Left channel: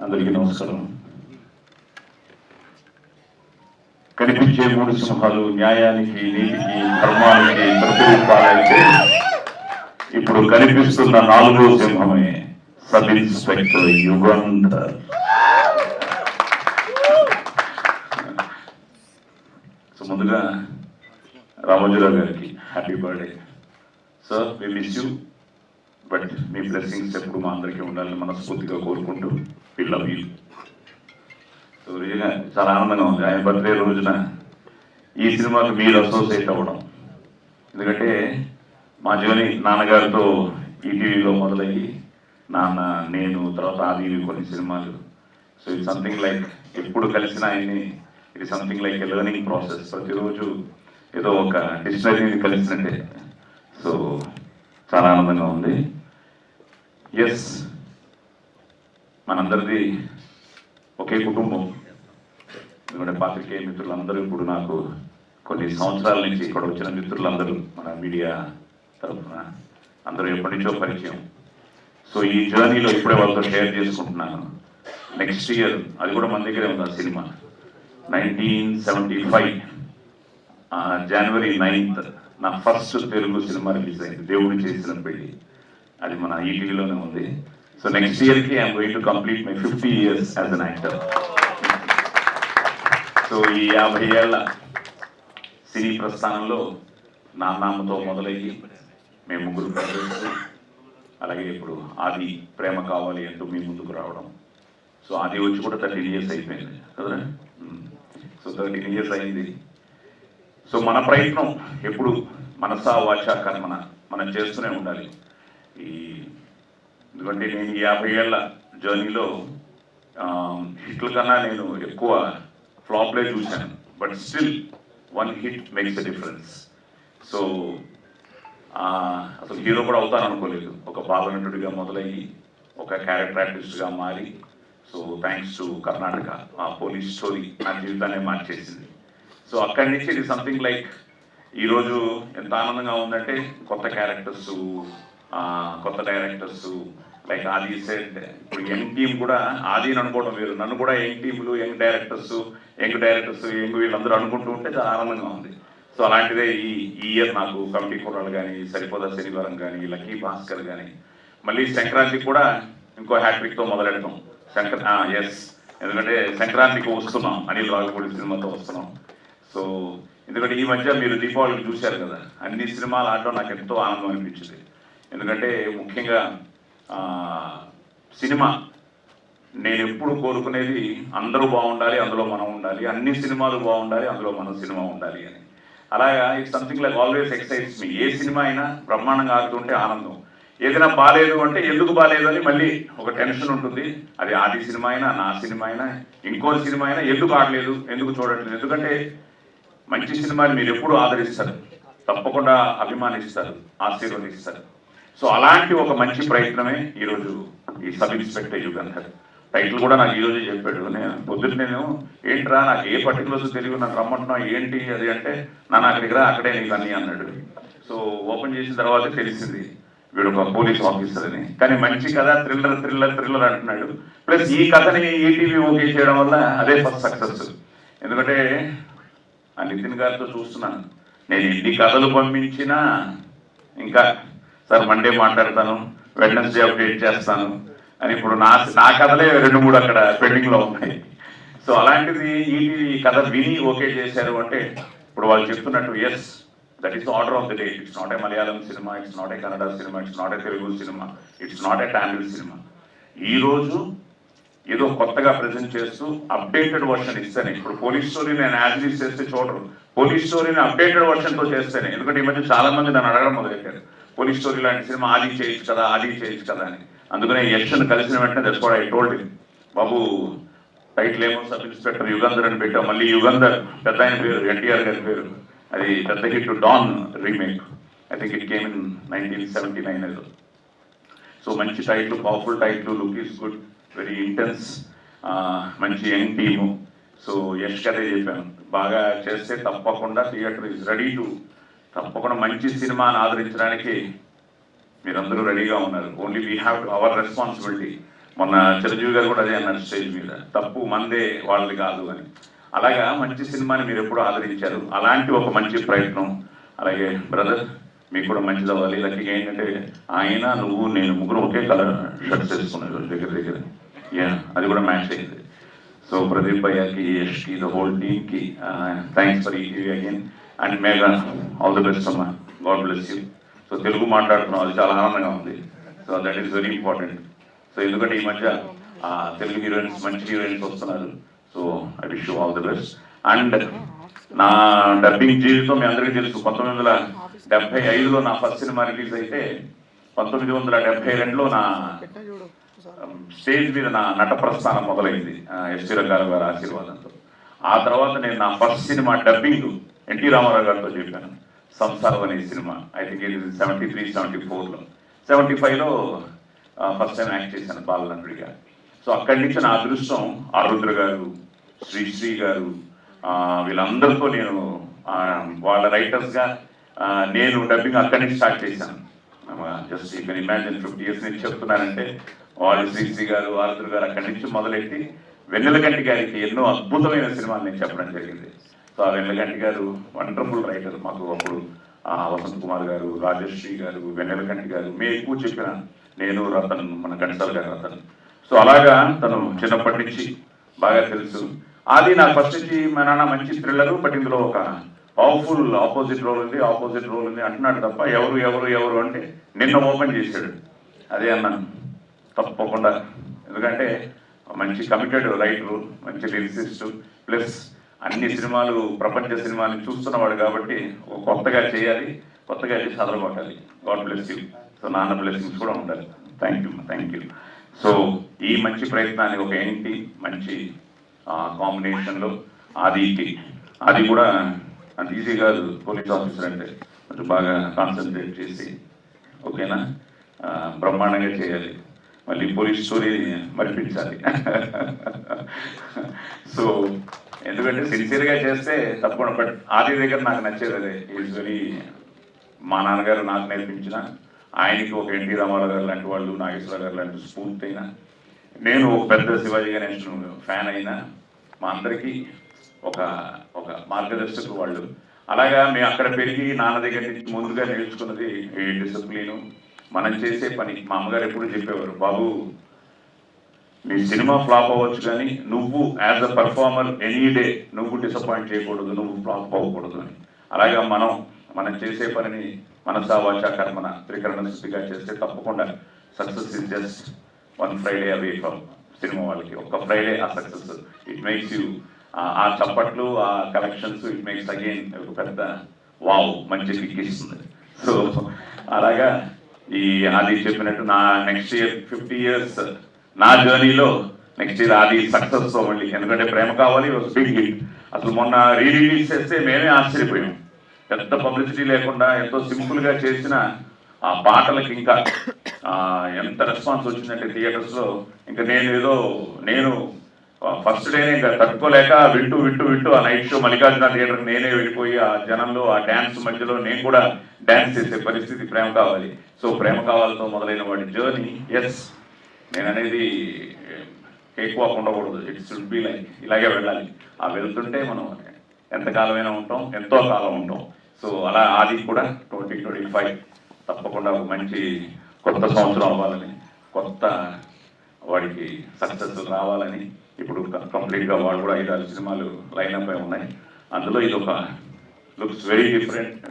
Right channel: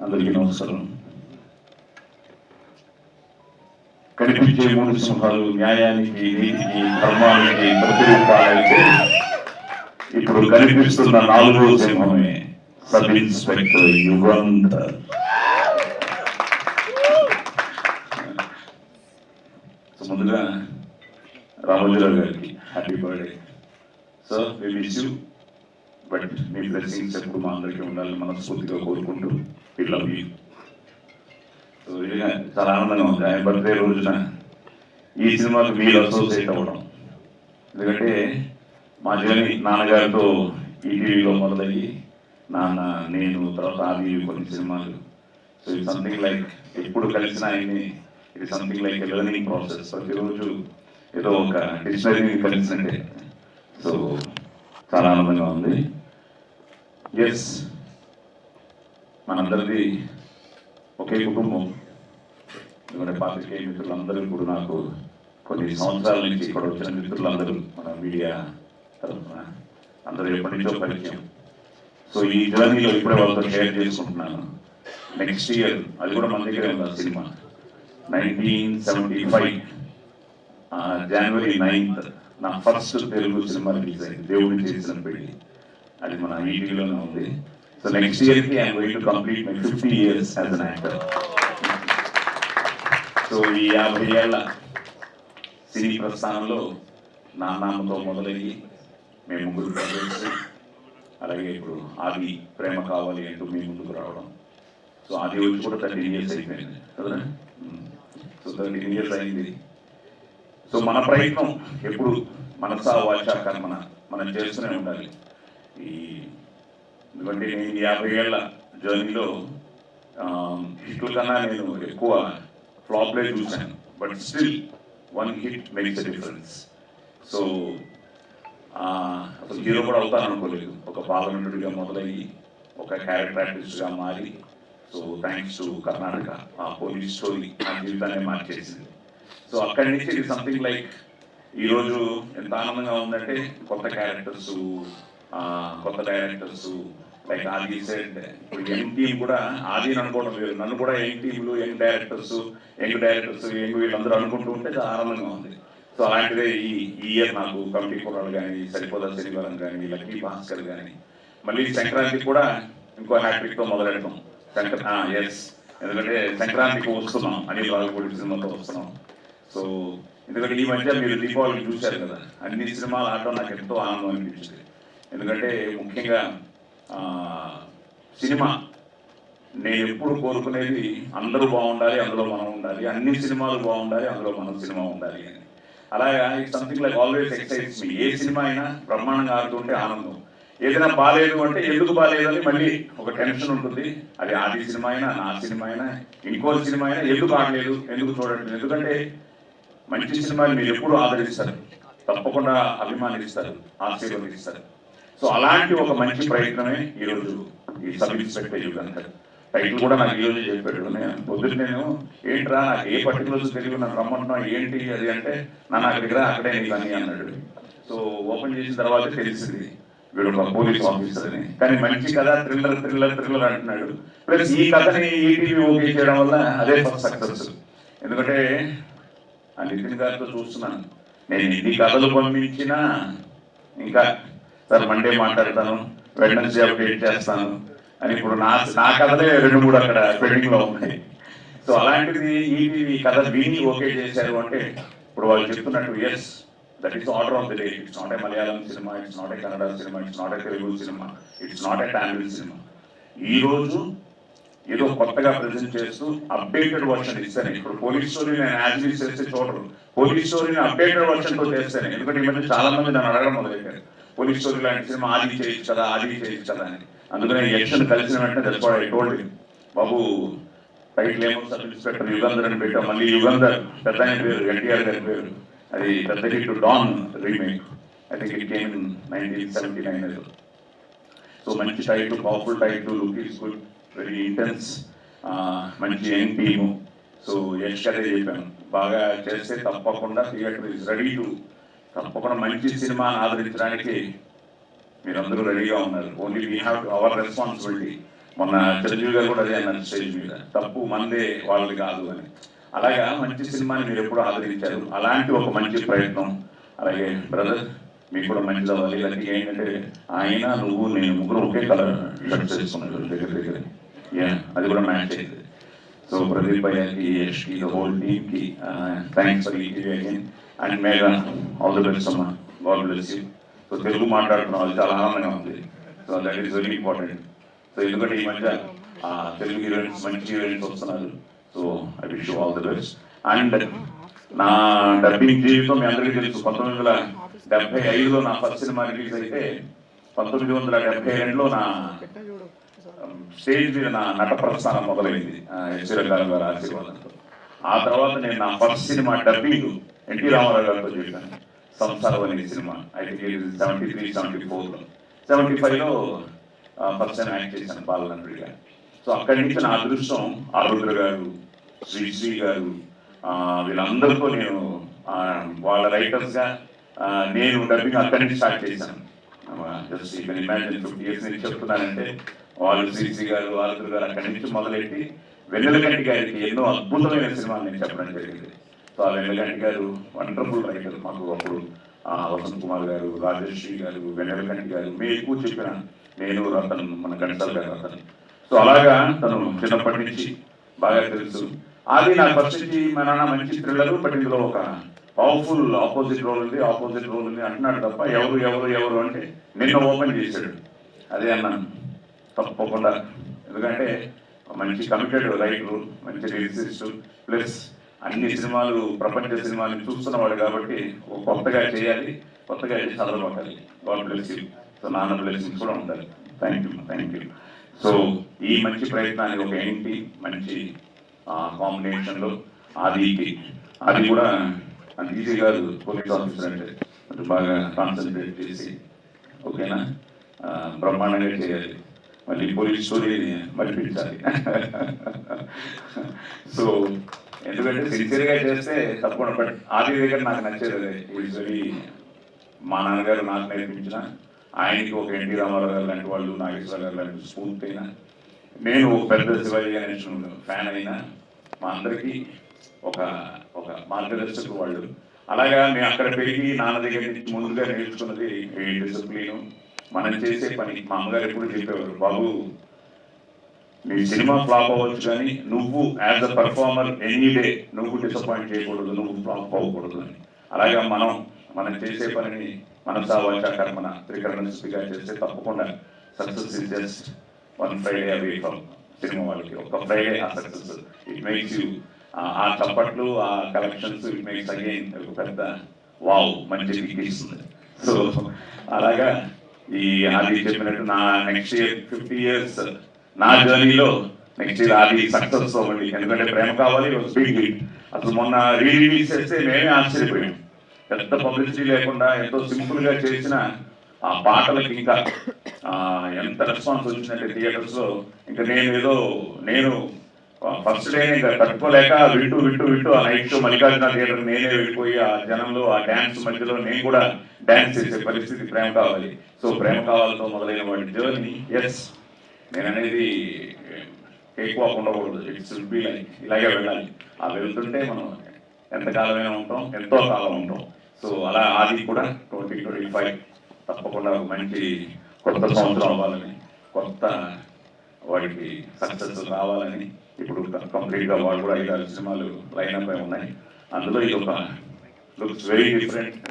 అందరికీ నమస్కారం. కనిపించే మూడు సింహాలు న్యాయానికి నీతికి ధర్మానికి ప్రతిరూపాలైతే ఇప్పుడు కనిపిస్తున్న నాలుగో సింహమే సబ్ ఇన్స్పెక్టర్ యుగంధర్. ముందుగా రామోజీరావు గారికి హ్యాపీ బర్త్డే సార్ మీ విష్ యూ బట్ మీ బ్లెస్సింగ్స్ ఎప్పుడు మా అందరికీ ఉండాలని మనస్ఫూర్తిగా కోరుకుంటూ పిల్లల లవ్ సో చాలా ఆనందంగా ఉంది. ఆయన బర్త్డే రోజున ఈ సినిమాకు వీళ్ళు అసోసియేట్ అవ్వడం. ఎందుకంటే మా జర్నీ నాన్నగారితో ఈటీవీలో మొదలయ్యి నాన్న నేను తర్వాత ఆది కొన్ని సినిమాలు. సో ఇది సంథింగ్ లైక్ ఎప్పుడు కలిసిన ఆయన్ని ఇది సంథింగ్ లైక్ లెర్నింగ్ ప్రాసెస్ ప్రతిరోజు ఏదో ఒక డిక్షనరీ కలిసినట్టే. సో చాలా ఆనందంగా ఉంది. ఎస్ మనందరిది ఒకే కుటుంబం. ఎందుకంటే పాత్రికేయ మిత్రులందరూ ఇప్పుడు నాకు కొన్ని సంవత్సరాల నుంచి ఇక్కడ వచ్చిన మిత్రులందరూ మన మీడియా తరఫున. అందరూ ఎప్పటి నుంచో పరిచయం. సో ఈ జర్నీలో ఇప్పుడే వాళ్ళతో షేర్ చేసుకుంటున్నాను. నెక్స్ట్ ఇయర్ అది కూడా మన దగ్గరే ఉంది cinema? Nineteen seventy five January ninth నా ఫస్ట్ తెలుగు సినిమా రిలీజ్ అయింది. దేవుడు చేసిన పెళ్ళి. అది మన ఈటీలోనే ఉంది. సో next year కి I'm going to complete my fifty years as an actor so ఈ యాభై ఏళ్ళ సినీ ప్రస్థానంలో నానామతో మొదలయ్యి మేము ముగ్గురు ప్రవేశించి అలాగే ఇప్పుడు ఆది ప్రేమ కావాలి అంటూ మీ ముందుకు రావడం. సో ఆది వచ్చి కూడా థర్టీన్ ఇయర్స్ అయిపోయింది. కదా సో థర్టీన్ ఇయర్స్ అయింది. సో మన ప్రయత్నం ఎప్పుడు మనసా వాచా కర్మన మనం చేస్తూనే ఉండాలి. ఈ ఎందుకంటే నేను యాభై ఏళ్ళ జర్నీలో హిట్ల కన్నా నేను ఎక్కువ ఫ్లాప్లే చూశాను. But still one hit makes a difference so అసలు హీరో కూడా అవుతాను అనుకోలేదు. ఒక బాలనటుడిగా మొదలయ్యి ఒక క్యారెక్టర్ ఆర్టిస్ట్గా మారి. సో థ్యాంక్స్ టు కర్ణాటక ఆ పోలీస్ స్టోరీ నా జీవితాన్ని మార్చేసింది. సో అక్కడి నుంచి ఇది సంథింగ్ లైక్ ఈరోజు ఎంత ఆనందంగా ఉందంటే కొత్త క్యారెక్టర్స్ కొత్త డైరెక్టర్స్ లైక్ ఆది సెడ్ ఇప్పుడు యంగ్ టీమ్ కూడా ఆది అని అనుకోవడం లేదు. నన్ను కూడా యంగ్ టీంలు young directors young directors young వీళ్ళందరూ అనుకుంటూ ఉంటే చాలా ఆనందంగా ఉంది. సో అలాంటిదే ఈ ఇయర్ నాకు కమిటీ కుర్రాలు కానీ సరిపోదా శనివారం కానీ లక్కీ భాస్కర్ కానీ మళ్ళీ సంక్రాంతికి కూడా ఇంకో హ్యాట్రిక్తో మొదలెడతాం. సంక్ర ఎస్ ఎందుకంటే సంక్రాంతికి వస్తున్నాం. అనిల్ రాజపూడి సినిమాతో వస్తున్నాం. సో ఎందుకంటే ఈ మధ్య మీరు దీపావళి చూశారు కదా. అన్ని సినిమాలు ఆడటం నాకు ఎంతో ఆనందం అనిపించింది. ఎందుకంటే ముఖ్యంగా సినిమా. నేను ఎప్పుడు కోరుకునేది అందరూ బాగుండాలి అందులో మనం ఉండాలి. అన్ని సినిమాలు బాగుండాలి అందులో మన సినిమా ఉండాలి అని. అలాగా it something like always excites me. A cinema అయినా బ్రహ్మాండంగా ఆడుతుంటే ఆనందం. ఏదైనా బాగాలేదు అంటే ఎందుకు బాగాలేదు అని మళ్ళీ ఒక టెన్షన్ ఉంటుంది. అది ఆది సినిమా అయినా నా సినిమా అయినా ఇంకో సినిమా అయినా ఎందుకు ఆడలేదు ఎందుకు చూడట్లేదు? ఎందుకంటే మంచి సినిమాలు మీరు ఎప్పుడు ఆదరిస్తారు. తప్పకుండా అభిమానిస్తారు ఆశీర్వదిస్తారు. సో అలాంటి ఒక మంచి ప్రయత్నమే ఈరోజు ఈ సబ్ ఇన్స్పెక్టర్ యుగంధర్ టైటిల్ కూడా నాకు ఈరోజు చెప్పాడు. నేను పొద్దున్న నేను ఏంట్రా ఏ పర్టికులర్స్ తెలియదు నాకు రమ్మంటున్నా? ఏంటి అది అంటే నా నాకు దగ్గర అక్కడే నీకు అన్ని అన్నాడు. సో ఓపెన్ చేసిన తర్వాత తెలిసింది. వీడు ఒక పోలీస్ ఆఫీసర్ అని. కానీ మంచి కథ థ్రిల్లర్ థ్రిల్లర్ థ్రిల్లర్ అంటున్నాడు. ప్లస్ ఈ కథని ఈటీవీ ఓకే చేయడం వల్ల అదే ఫస్ట్ సక్సెస్. ఎందుకంటే ఆ నితిన్ గారితో చూస్తున్నాను. నేను ఇన్ని కథలు పంపించినా ఇంకా సార్ మండే మాట్లాడతాను. వెడ్నెస్డే అప్డేట్ చేస్తాను. అని ఇప్పుడు నా నా కథలే రెండు మూడు అక్కడ పెండింగ్లో ఉన్నాయి. సో అలాంటిది ఈ కథ విని ఓకే చేశారు అంటే ఇప్పుడు వాళ్ళు చెప్తున్నట్టు yes that is order of the day it's not a Malayalam cinema it's not a Kannada cinema it's not a Telugu cinema it's not a Tamil cinema ఈ రోజు ఏదో కొత్తగా ప్రజెంట్ చేస్తూ అప్డేటెడ్ వర్షన్ ఇస్తాను. ఇప్పుడు పోలీస్ స్టోరీ నేను as చేస్తే చూడరు. పోలీస్ స్టోరీని అప్డేటెడ్ వర్షన్తో చేస్తాను. ఎందుకంటే ఈ మధ్య చాలా మంది నన్ను అడగడం మొదలెట్టారు. పోలీస్ స్టోరీ లాంటి సినిమా ఆది చేయొచ్చు కదా ఆది చేయొచ్చు కదా అని. అందుకని యక్షన్ కలిసిన వెంటనే తెలుసుకోవడం ఐ టోల్డ్ బాబు టైటిల్ ఏమో సబ్ ఇన్స్పెక్టర్ యుగంధర్ అని పెట్టాం మళ్ళీ యుగంధర్ పెద్ద ఆయన పేరు ఎన్టీఆర్ గారి పేరు. అది పెద్ద hit Don remake I think it came nineteen seventy nine so మంచి title powerful title look is good very intense మంచి యంగ్ టీము. సో యష్ గారే చెప్పాను. బాగా చేస్తే తప్పకుండా థియేటర్ ఇస్ రెడీ టు తప్పకుండా మంచి సినిమాని ఆదరించడానికి మీరందరూ రెడీగా ఉన్నారు. Only we have our responsibility మొన్న చిరంజీవి గారు కూడా అదే అన్నారు స్టేజ్ మీద. తప్పు మందే వాళ్ళు కాదు అని. అలాగా మంచి సినిమాని మీరు ఎప్పుడు ఆదరించారు. అలాంటి ఒక మంచి ప్రయత్నం. అలాగే బ్రదర్ మీకు కూడా మంచి అవ్వాలి. ఇలాంటి ఏంటంటే ఆయన నువ్వు నేను ముగ్గురు ఒకే కలర్ షర్ట్ చేసుకున్నారు దగ్గర దగ్గర యా అది కూడా మ్యాచ్ అయింది. సో ప్రదీప్ భయ్యాకి యష్కి ద హోల్ టీమ్కి థ్యాంక్స్ ఫర్ ఈ again and Megha all the best అమ్మా. God bless you. So Telugu మాట్లాడుతున్నాం అది చాలా ఆనందంగా ఉంది. So that is very important. So ఎందుకంటే ఈ మధ్య తెలుగు హీరోయిన్స్ మంచి హీరోయిన్స్ వస్తున్నారు. So I wish all the best. And నా డబ్బింగ్ జీవితం మీ అందరికీ తెలుసు? పంతొమ్మిది వందల డెబ్బై ఐదులో నా ఫస్ట్ సినిమా రిలీజ్ అయితే పంతొమ్మిది వందల డెబ్బై రెండులో నా స్టేజ్ మీద నా నట ప్రస్థానం మొదలైంది ఎస్టీ రంగారావు గారి ఆశీర్వాదంతో. ఆ తర్వాత నేను నా first cinema dubbing NT Ramarao గారితో చెప్పాను సంసారం అనే cinema I think seventy three seventy ఫోర్లో సెవెంటీ ఫైవ్లో ఫస్ట్ టైం యాక్ట్ చేశాను బాలనంటుడిగా సో అక్కడి నుంచి నా అదృష్టం ఆరుద్ర గారు శ్రీశ్రీ గారు వీళ్ళందరితో నేను వాళ్ళ రైటర్స్గా నేను డబ్బింగ్ అక్కడి నుంచి స్టార్ట్ చేశాను. జస్ట్ ఈ ఇమాజిన్ ఫిఫ్టీ ఇయర్స్ నుంచి చెప్తున్నానంటే వాళ్ళు శ్రీశ్రీ గారు ఆరుద్ర గారు అక్కడి నుంచి మొదలెట్టి వెన్నెలగంటి గారికి ఎన్నో అద్భుతమైన సినిమాలు నేను చెప్పడం జరిగింది. సో ఆ వెన్నెలగంటి గారు వండర్ఫుల్ రైటర్ మాకు అప్పుడు. ఆ, వసంత్ కుమార్ గారు రాజశ్రీ గారు వెన్నెలగంటి గారు మేము ఎక్కువ చెప్పిన నేను రతన్ మన గంటల గారు రతన్. సో అలాగా తను చిన్నప్పటి నుంచి బాగా తెలుసు. అది నా ఫస్ట్ నుంచి మా నాన్న మంచి థ్రిల్లర్ బట్ ఇందులో ఒక పవర్ఫుల్ ఆపోజిట్ రోల్ ఉంది ఆపోజిట్ రోల్ ఉంది అంటున్నాడు తప్ప ఎవరు ఎవరు ఎవరు అంటే నిన్న ఓపెన్ చేశాడు. అదే అన్నాను తప్పకుండా. ఎందుకంటే మంచి కమిటెడ్ రైటర్ మంచి రిసిస్ట్ ప్లస్ అన్ని సినిమాలు ప్రపంచ సినిమాలు చూస్తున్నవాడు కాబట్టి కొత్తగా చేయాలి కొత్తగా చేసి చదవబడాలి గాడ్ బ్లెస్ యూ. సో నాన్న బ్లెస్సింగ్స్ కూడా ఉండాలి. Thank you thank you so ఈ మంచి ప్రయత్నాన్ని ఒక ఏంటి? మంచి కాంబినేషన్లో ఆదికి. అది కూడా అంత ఈజీ కాదు పోలీస్ ఆఫీసర్ అంటే. కొంచెం బాగా కాన్సన్ట్రేట్ చేసి ఓకేనా? బ్రహ్మాండంగా చేయాలి. మళ్ళీ పోలీస్ స్టోరీ మరిపించాలి. సో ఎందుకంటే సిన్సియర్గా చేస్తే తప్పకుండా బట్ ఆది దగ్గర నాకు నచ్చేది యూజువలీ మా నాన్నగారు నాకు నేర్పించిన ఆయనకి ఒక ఎన్టీ రామారావు గారు లాంటి వాళ్ళు నాగేశ్వర గారు లాంటి స్ఫూర్తి అయినా నేను ఒక పెద్ద శివాజీ గణేశన్ ఫ్యాన్ అయినా మా అందరికీ ఒక ఒక మార్గదర్శకులు వాళ్ళు. అలాగా మేము అక్కడ పెరిగి నాన్న దగ్గర నుంచి ముందుగా నేర్చుకున్నది డిసిప్లిన్? మనం చేసే పని మా అమ్మగారు ఎప్పుడు చెప్పేవారు బాబు నీ సినిమా ఫ్లాప్ అవ్వచ్చు కానీ నువ్వు as a performer any day నువ్వు డిసప్పాయింట్ చేయకూడదు నువ్వు ఫ్లాప్ అవ్వకూడదు అని. అలాగా మనం మనం చేసే పనిని మనసా వాచ కర్మన త్రికరణ స్థితిగా చేస్తే తప్పకుండా success is just one Friday away from cinema వాళ్ళకి. ఒక ఫ్రైడే ఆ సక్సెస్ ఇట్ మేక్స్ యూ ఆ చప్పట్లు ఆ కలెక్షన్స్ ఇట్ మేక్స్ అగైన్ ఒక పెద్ద వావ్ మంచి ఇస్తుంది. సో అలాగా ఈ ఆది చెప్పినట్టు నా నెక్స్ట్ ఇయర్ ఫిఫ్టీ ఇయర్స్ నా జర్నీలో నెక్స్ట్ అది సక్సెస్ అవ్వండి ఎందుకంటే ప్రేమ కావాలి బిగ్ హిట్ అసలు మొన్న రిలీజ్ చేస్తే మేమే ఆశ్చర్యపోయాం. పెద్ద పబ్లిసిటీ లేకుండా ఎంతో సింపుల్గా చేసిన ఆ పాటలకి ఇంకా ఎంత రెస్పాన్స్ వచ్చిందంటే థియేటర్స్లో ఇంకా నేను ఏదో నేను ఫస్ట్ డే ఇంకా తట్టుకోలేక వింటూ వింటూ వింటూ ఆ నైట్ షో మల్లికార్జున థియేటర్ నేనే వెళ్ళిపోయి ఆ జనంలో ఆ డ్యాన్స్ మధ్యలో నేను కూడా డ్యాన్స్ చేసే పరిస్థితి ప్రేమ కావాలి. సో ప్రేమ కావాలతో మొదలైన వాడి జర్నీ ఎస్ నేను అనేది ఎక్కువ ఉండకూడదు ఇట్స్ బి లైక్ ఇలాగే వెళ్ళాలి ఆ వెళ్తుంటే మనం ఎంతకాలమైనా ఉంటాం ఎంతో కాలం ఉంటాం. సో అలా అది కూడా ట్వంటీ ట్వంటీ ఫైవ్ తప్పకుండా మంచి కొత్త సంవత్సరం అవ్వాలని కొత్త వాడికి సక్సెస్ రావాలని ఇప్పుడు కంప్లీట్గా వాళ్ళు కూడా ఐదు సినిమాలు లైన్ అప్ ఉన్నాయి. అందులో ఇది ఒక లుక్స్ వెరీ డిఫరెంట్.